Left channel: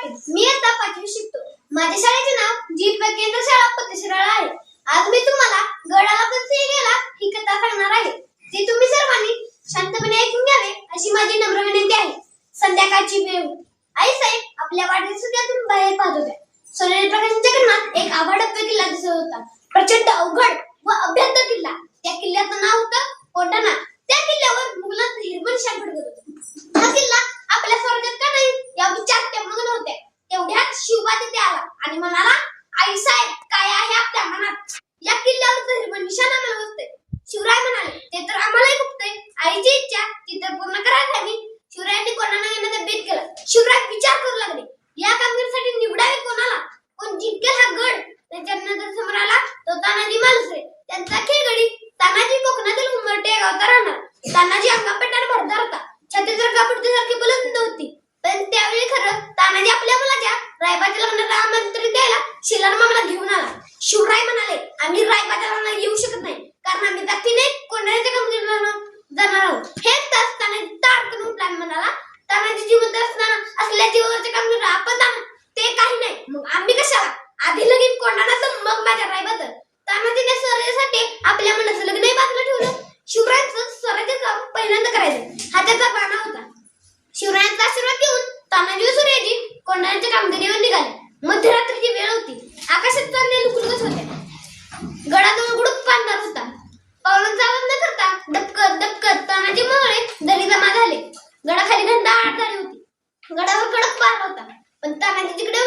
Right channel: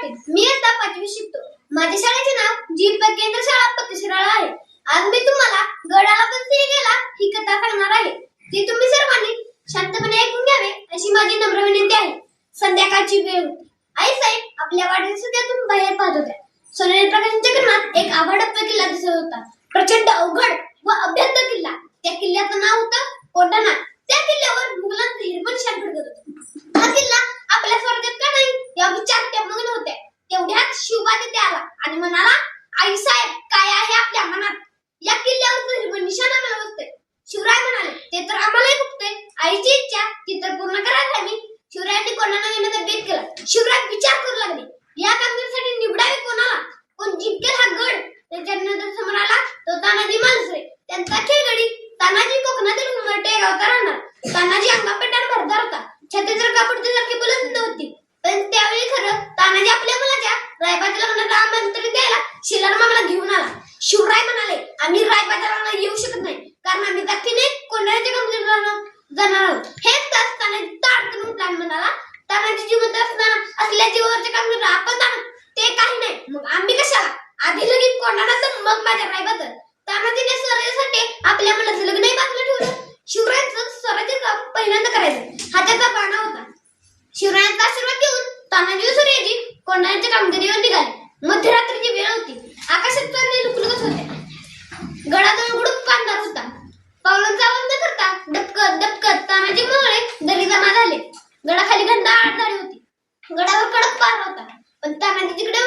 पाटील मी आता पाचवी शिकतो. माझ्या शाळेचे नाव जी केंद्र शाळा पतशिराळा आहे. आज मी तुम्हाला गडाला पण सिंह गेला ही कथा सांगणार आहे. ती तुम्ही सर्वांनी शांतपणे ऐकून घ्यावे अशी माझी नम्र विनंती आहे. संध्याकाळची वेळ. होती आई साहेब आपल्या वाढदिवसातून बाहेर पाहत होत्या. सोनेरी प्रकाशांच्या किरणात एक आवाडप्पा किल्ला दिसत होता. प्रचंड अवघड व अभ्यंत किल्ला. त्या किल्ल्याचं नाव होतं कोटाणा त्या किल्ल्यावर मुघलांचं हिरवण शान फडकत होतं. हा किल्ला आपल्या स्वर्गात का नाही? या विचार तेवढ्यात शिवबा तिथे आला. आणि म्हणाला आई साहेब काय आहे आपल्या मनात? या किल्ल्यावर निशाणा निशाण आम्हाला शिवराय म्हणाले ते तर आम्हालाही खुपतंय आईची इच्छा ती तर पूर्ण करायला हवी शिवरायांनी कोणाला येण्याचा बेत केला. शिवराय विचार करू लागले. या कामगिरीसाठी निवडावे कोणाला? कोण जिंकेल हा गड? त्याच्यानंतर समोर आला तो तानाजी मालुसरे त्यांचा खेळगडी तानाजी कोकणातील उमरटे गावता राहणार तानाजी अंगापेटार भरदार होता. छत्री कापडते कापडतीसारखी बोलत होती पण त्यावेळी खरं तानाजी आपल्या मुलाच्या रायबाच्या लग्नाला आमंत्रण द्यायला शिलार मामाला घेऊन आला शिवराय म्हणाले आम्ही राय लग्नाला येऊ शकत नाही. कारण आम्ही दक्षिणे कोणाच्या कामगिरीला जाणार आहोत. हेच असताना तार करून प्लॅन म्हणाला. तानाजी जिवंत असताना असल्याची वरच्या कामगिरीला आपण जाणार. ते काही नाही. मग आम्ही कशाला? आधी लगीन कोणाचं मग माझ्या रायबाचं तानाजीने स्वराज्यासाठी आपल्या मनाचं लग्नही बांधलं ठेवलं. शिवरायांचं स्वराज्य काम पहिल्यांदा करायचं. हा त्याचा बाणा होता. शिवरायांचा आशीर्वाद घेऊन तानाजी सूर्याजी कोंढाण्याच्या कामगिरीवर निघाले. मध्यरात्रीची वेळ होती. आकाशात चांदणे लुकलुकत होते. गडावर कडक पार होता. पण तानाजी जिकडे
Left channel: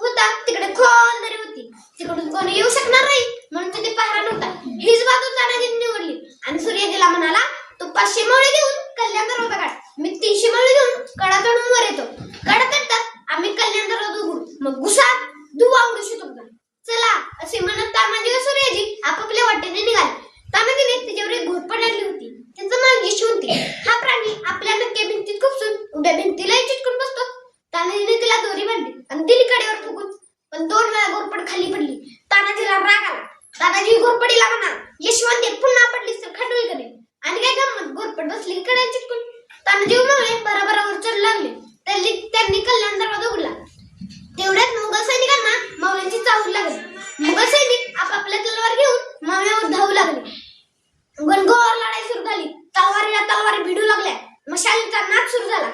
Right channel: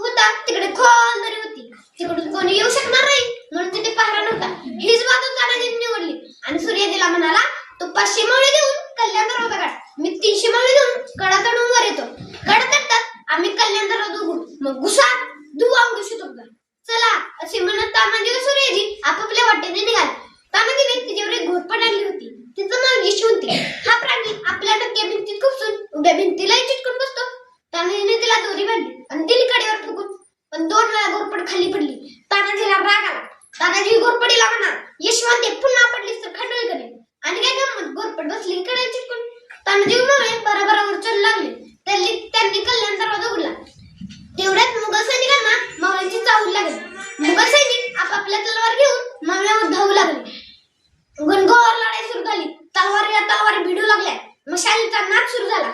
होता तिकडे खोल दरी होती. तिकडून कोणी येऊ शकणार नाही म्हणून तिथे पहारा नव्हता. हीच बाजू तानाजीने निवडली. आणि सूर्याजीला म्हणाला तू पाचशे मावळे देऊन कल्याण दरवाजा काढ. मी तीनशे मावळे देऊन कडा चढून वर येतो. कडा चढतात आम्ही कल्याण दरवाजा उघडू. मग घुसा धुवा उडू शकतो चला असे म्हणा तानाजी व सूर्याजी आपापल्या वाटेने निघाले तानाजीने तिच्यावर एक घोरपड आणली होती तिचं नाव यशवंती हा प्राणी आपल्या टक्क्या भिंतीत खुपसून उभ्या भिंतीलाही चिटकून बसतो तानाजीने तिला दोरी बांधली आणि दिली कडेवर फुकून पण दोन वेळा घोरपड खाली पडली तानाजीला राग आला तानाजी घोरपडीला म्हणा यशवंती पुन्हा पडलीस तर खंडोळी करेल आणि काय गंमत घोरपड बसली कडे चिटकून? तानाजी उमाळे बराबरावर चढ लागले. त्यांनी त्यांनी कल्याण दरवाजा उघडला. तेवढ्यात मुघल सैनिकांना मावळ्यांची चाहूल लागली. मुघल सैनिक आपापल्या तलवार घेऊन मावळ्यावर धावू लागले. गणगोवर लढाई सुरू झाली. तलवारीला तलवारी भिडू लागल्या. मशालीचा नाच सुरू झाला.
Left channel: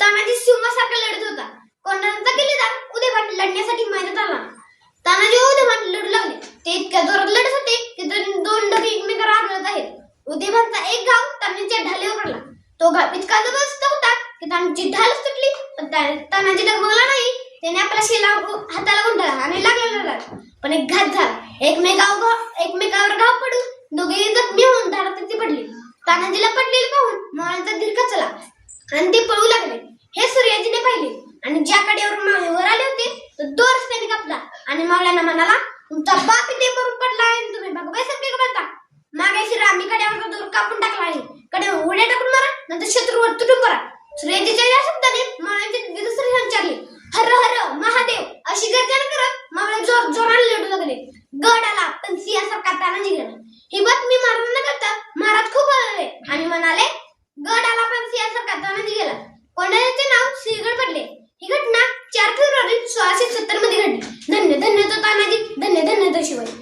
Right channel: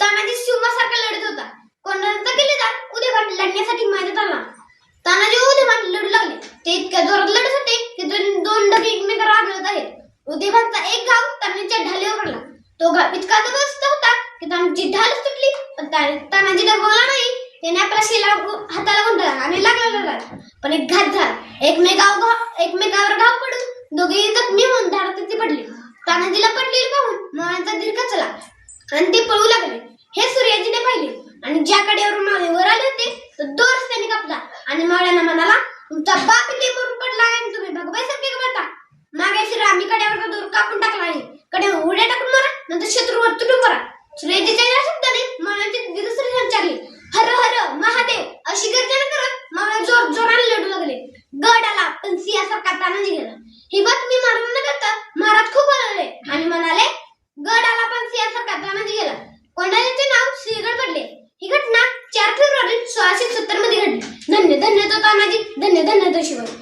तानाजी सिंहासारखा लढत होता. कोणाचा किल्लेदार उद्या लढण्यासाठी मैदानात आला तानाजी व उदयभाट लढू लागले ते इतक्या जोरात लढत होते की दोन दोन डगे एकमेकांना आढळत आहेत उदयभानचा एक घाव तानाजीच्या ढालीवर पडला तो घाव इतका जबरदस्त होता की तानाजी ढालच तुटली पण ता- तानाजी दगवला नाही. त्याने आपला शिला हाताला गुंडाळला आणि लागला पण एक घात झाला. एकमेकावर घाव एकमेकावर घाव पडून दोघे जखमी होऊन धारात ती पडली. तानाजीला पडलेली पाहून मावळ्यांचा धीर खचला. आणि ते पळू लागले. हे सूर्याजीने पाहिले. आणि ज्या कडेवरून मावळे वर आले होते तो दोरच त्याने कापला. आणि मावळ्यांना म्हणाला तुमचा बाप इथे मरून पडला आहे आणि तुम्ही भगवायसारखे बोलता मागे शिरा रामी कड्यावरचा दोर कापून नंतर शत्रूवर तुटून पडा. सुरेंद्रच्या या शब्दाने मावळ्यांचे दिनसरी संचारले. हर हर महादेव अशी गर्जना करत मला जोर जोराने लढू लागले. गड आला पण सिंहासारखा ताना निघाला. मी मारून न करता महाराज खूप हलले आणि म्हणाले गड आला पण सिंहासारखा ताना निघाला. कोणाचे नाव सिंहगड पडले. ही घटना चार फेब्रुवारी सोळाशे सत्तरमध्ये घडली. धन्य धन्य तो तानाजी धन्य धन्य तो शिवाजी.